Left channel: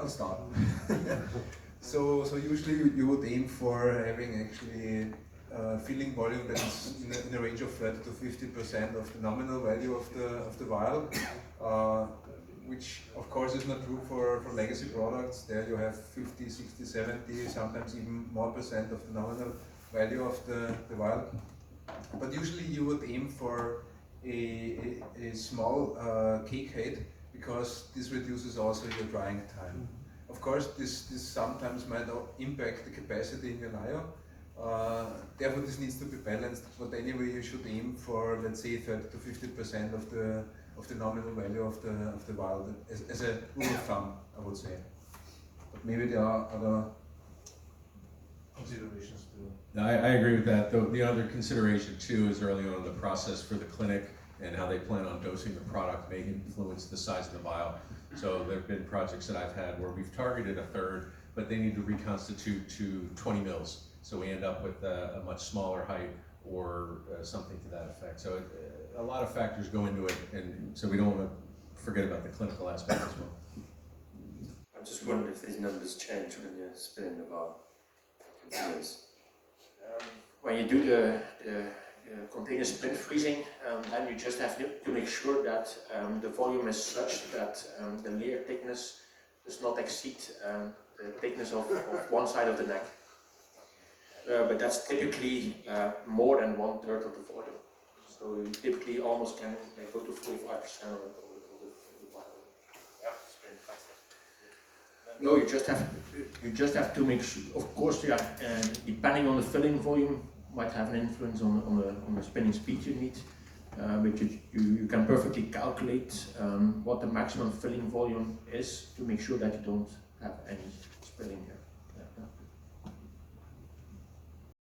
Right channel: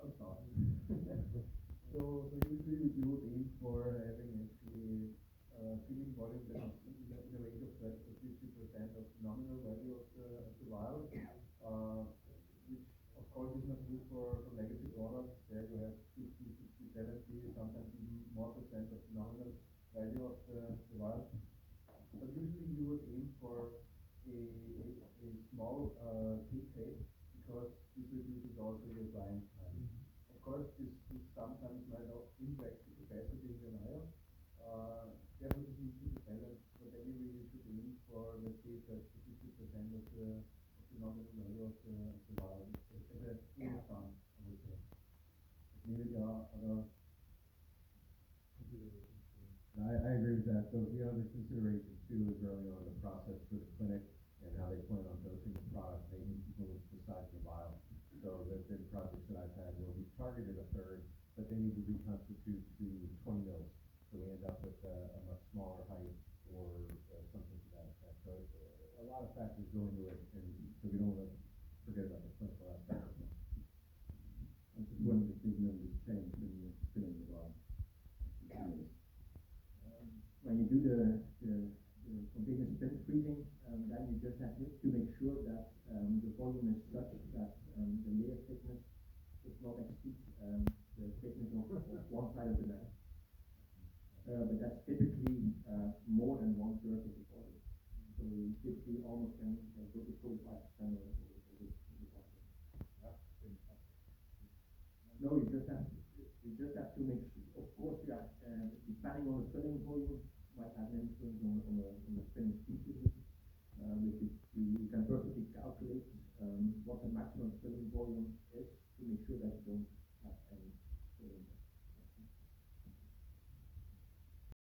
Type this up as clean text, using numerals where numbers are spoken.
I'll start. So usually you would aim for having actually filling volume that is in a range of 30 to 50% of the nominal value of the vial, which of course is not true for legacy products. There you have 50, 60, 70, sometimes even more percent of the nominal value of the vial. But usually you would aim for a small cake height, because this reduces also your drying time. Of course, this sometimes might impact the capacity in your lyo. Therefore, this needs to be balanced. But anyway, you should aim for, let's say, 30 to 50% of the nominal value of the vial, as a rule of thumb, I would say. But maybe there are other considerations too. No, I agree with that. The other consideration too is early on in the process for the clinic and how they plan on dosing the product may influence the size of the vial. So there have been projects that I've had where we've targeted a third, but they need to reconstitute to 20 mils. So we end up with a much smaller height or something to that effect. So a lot of factors go into it, and so we don't want to forget about the clinical aspect as well. I'm just wondering if these numbers change when you're spinning the vial. When you do the continuous split freezing, then you just have to make sure that the volume is such that the layer thickness does not exceed the thickness of one side of the neck. But that's typically more than 1/3 of the volume. So you typically almost can go to 45% of the vial. No, you just have to make sure. Of course, yeah, depending on the filling volume, might have an influence on the spinning speed you need, but you can perfectly calculate what the maximum filling volume is to make sure that you don't have any